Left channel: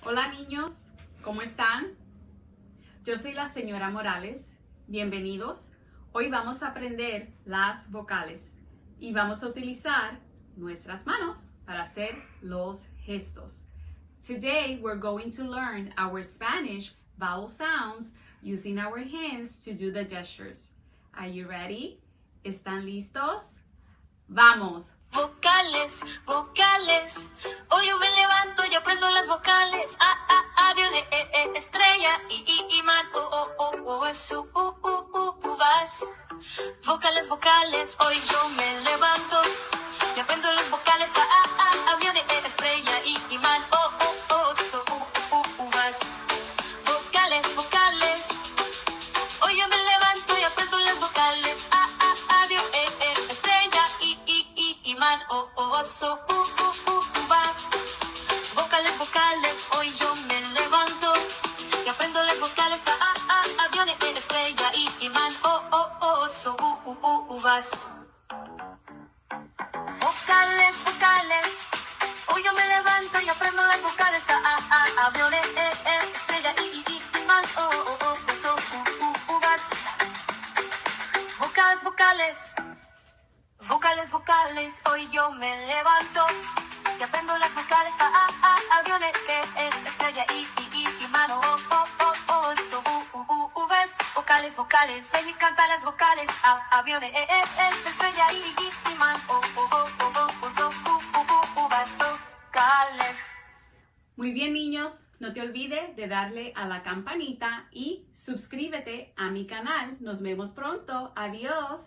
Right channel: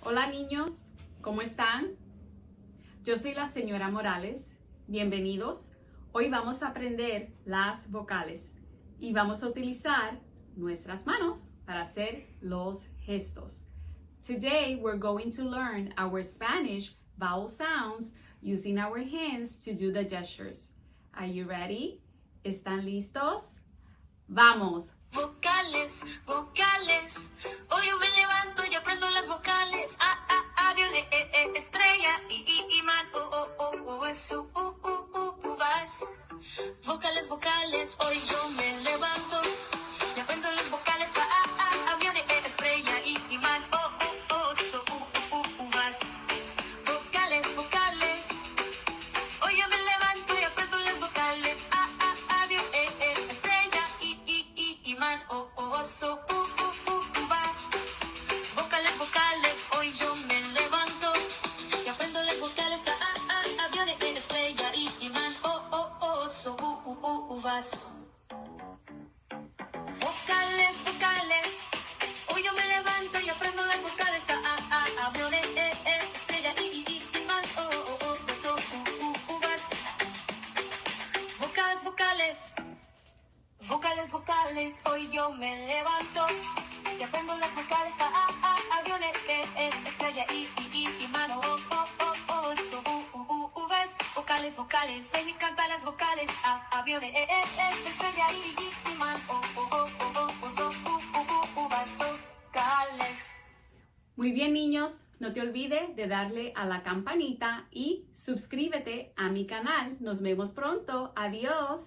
Hola niños, ¿cómo están? Yo soy la señora Morales. Bienvenidos. Hoy vamos a aprender las vocales y vamos a utilizar nuestras manos para hacer los gestos. Today we're going to learn our Spanish vowel sounds using our hands to do the gestures. Are you ready? ¿Están listos? ¡Vamos! Vocales, vocales. Hoy yo me levanto y aprendo las vocales. Viene, estrella, man, vas. Vocales, vocales. Hoy yo me levanto y aprendo las vocales. Viene, estrella, man, vas. Vocales, vocales. Hoy yo me levanto y aprendo las vocales. Viene, estrella, man, vas. Vocales, vocales, hoy yo me levanto y aprendo las vocales. Aviones, estrella, man, vas. Vocales, vocales, hoy yo me levanto y aprendo las vocales. Aviones, estrella, man, vas. Vocales, vocales. Vocales, vocales, hoy yo me levanto y aprendo las vocales. Aviones, estrella, mano, vas. Vocales, vocales, hoy me cantan las vocales. Aviones, estrella, mano, vas. Vocales. Muy bien, niños, no te olvides de darle a la campanita y suscríbete a mi canal. Nos vemos pronto. Adiós.